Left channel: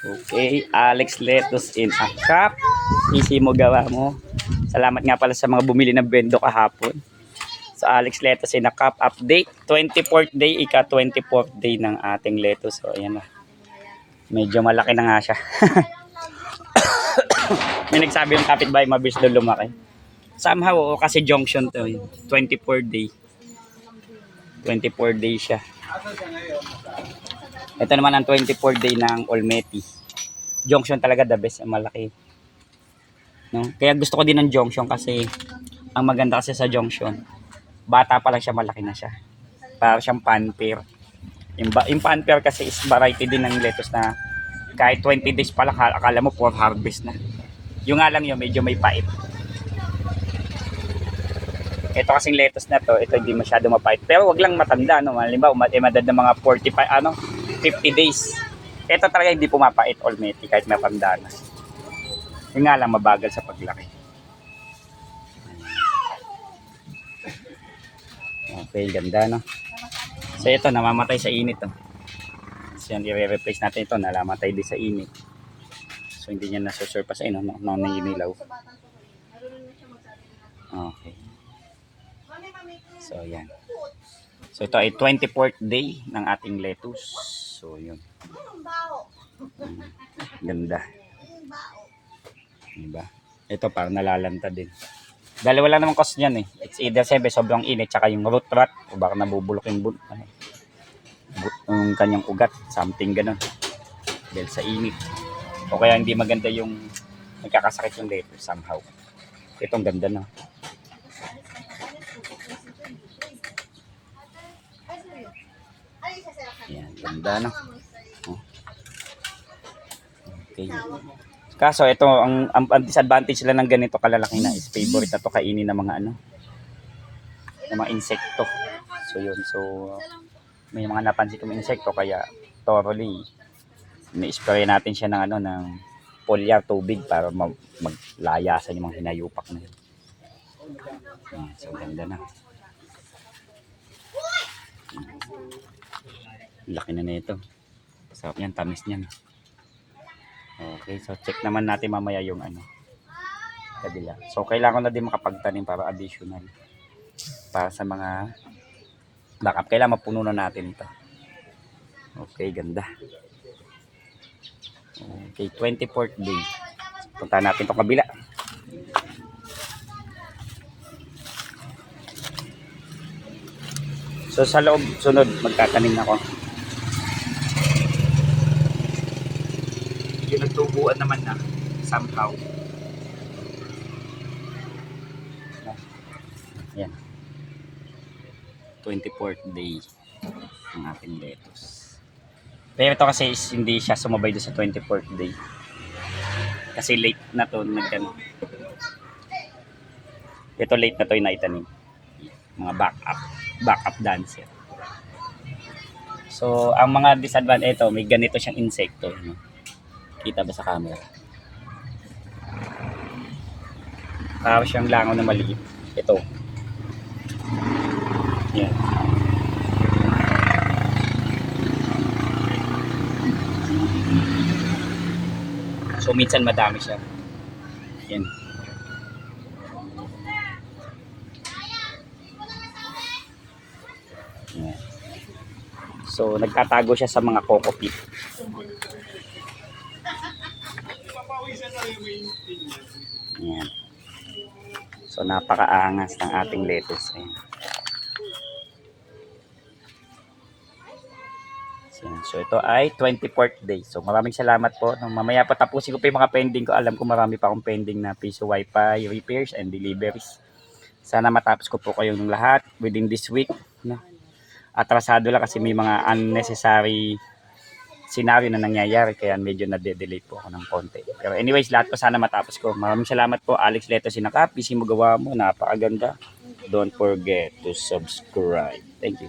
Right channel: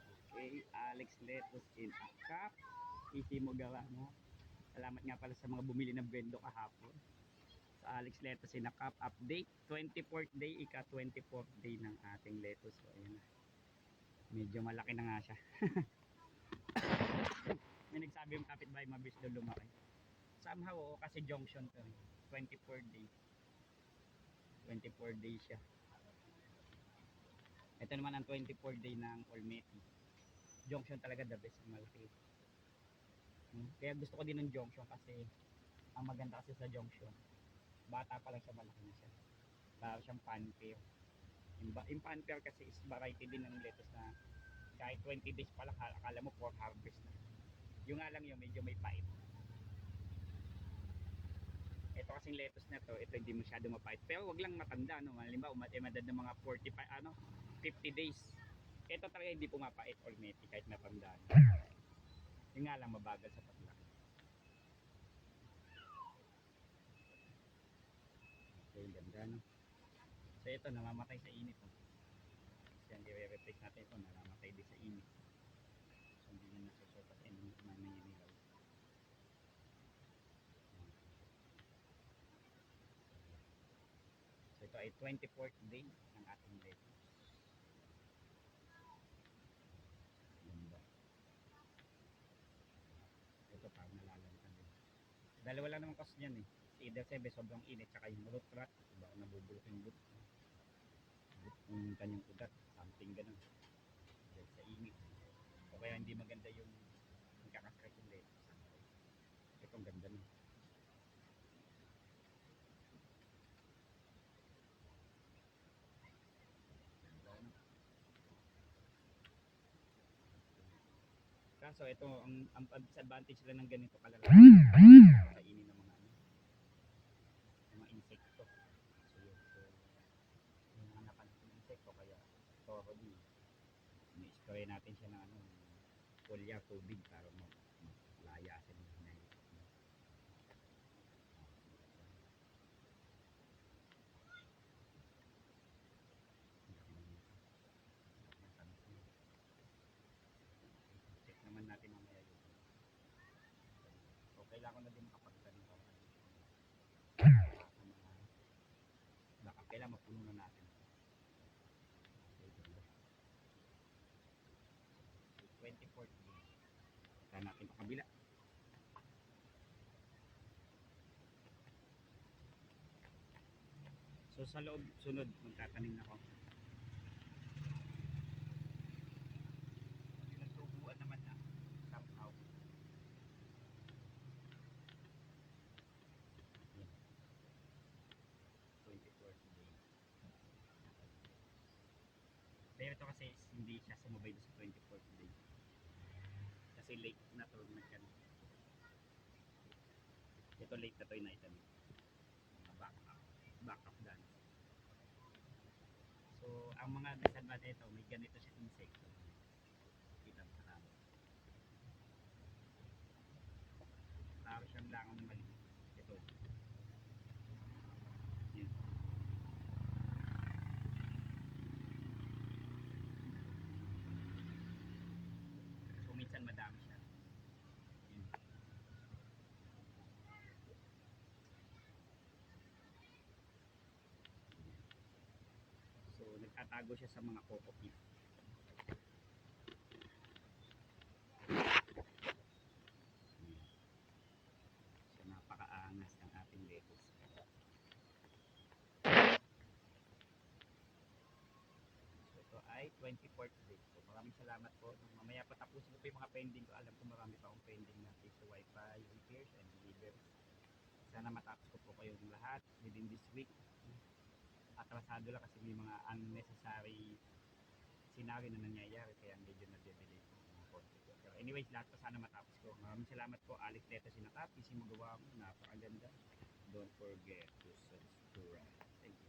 Okay, Alex Lettuce in a cup. Easy mo gawa mo. Salamat nga pala sa mga bumili ng bendo kahapon. So Alex Lettuce in a cup update. 24th day, ika 24th day ng ating lettuce. So ayan na. Medyo malaki na nga siya. May nagsabi yung kapitbahay mabilis daw lumaki. Somehow, kasi junction to. 24th day. 24th day siya. Ito naman ang 24th day ng Olmeti. Junction talaga the best, malaki. No? Kaya gusto ko din ng junction kasi ang maganda kasi sa junction, bata pa lang siya, malaki na siya. Para siyang panper. Yung panper kasi is variety din ng lettuce na kahit 20 days pa lang, akala mo for harvest na. Yung nga lang yun, medyo may pait. Ito kasing lettuce na to, ito hindi masyado mapait. Pero wag lang matanda, no? Halimbawa, madad ng mga 50 days. Ito talaga hindi pumapait, Olmeti, kahit matanda na. Yung nga lang, mabagal sa paglaki. Okay, ganda, no? So ito, namamatay sa init, no? So yan, i-replace natin ito, nalamatay din sa init. So hindi niya nasusurpass, no? Naninilaw. Okay. So yan. So ito ay 24th day ng ating lettuce. So yun. Ganda. Diba? Ito parang nalalanta din. Dahil wala namang cost niyan eh. It's either siyempre sobrang init tsaka yung root rot o baka nabubulok yung yung kanyang ugat. Something ganun. Dahil sa init. O kaya hindi maganda yung nagkakasakit yung lettuce somehow. Itong ganda na. Yan, ganda no. Okay. Kaso ito ang disadvantage lang ng ganito kalalaki na is favorite na to kainin ng mga ng mga insekto. So yun, so may mga napansin kong insekto kaya thoroughly ni-spray natin siya ng ng foliar tubig para maglayasan yung mga hinayupak na yun. Yan, so ganda na. Laki na nito. Sarap niyan, tamis niyan. Okay, so check naman natin mamaya yung kabila. So kailangan na din makapagtanim para additional. Para sa mga backup, kailangan mapuno na natin ito. Okay, ganda. Okay, 24th day. Punta natin itong kabila. So sa loob, sunod, magtatanim na ako. Yung nagtubuan naman na somehow. Yan. 24th day ng ating lettuce. Pero ito kasi is hindi siya sumabay doon sa 24th day. Kasi late na to nagtanim. Ito late na to yung naitanim. Mga backup dancer. So, ang mga disadvantage ito, may ganito siyang insekto. No? Kita ba sa camera? Para siyang langaw na maliit. Ito. Yan. So, minsan madami siya. Yan. Yan. So, nagtatago siya sa mga coco peat. Yan. So, napakaangas ng ating lettuce. Ayan. So, ito ay 24th day. So, maraming salamat po. Mamaya pa tapusin ko pa yung mga pending ko. Alam ko marami pa akong pending na piso wifi, repairs, and deliveries. Sana matapos ko po kayong lahat within this week. No? Atrasado lang kasi may mga unnecessary scenario na nangyayari. Kaya medyo na-delay po ako ng konti. Pero anyways, lahat po sana matapos ko. Maraming salamat po. Alex Lettuce in a cup. Easy mo gawa mo. Napakaganda. Don't forget to subscribe. Thank you.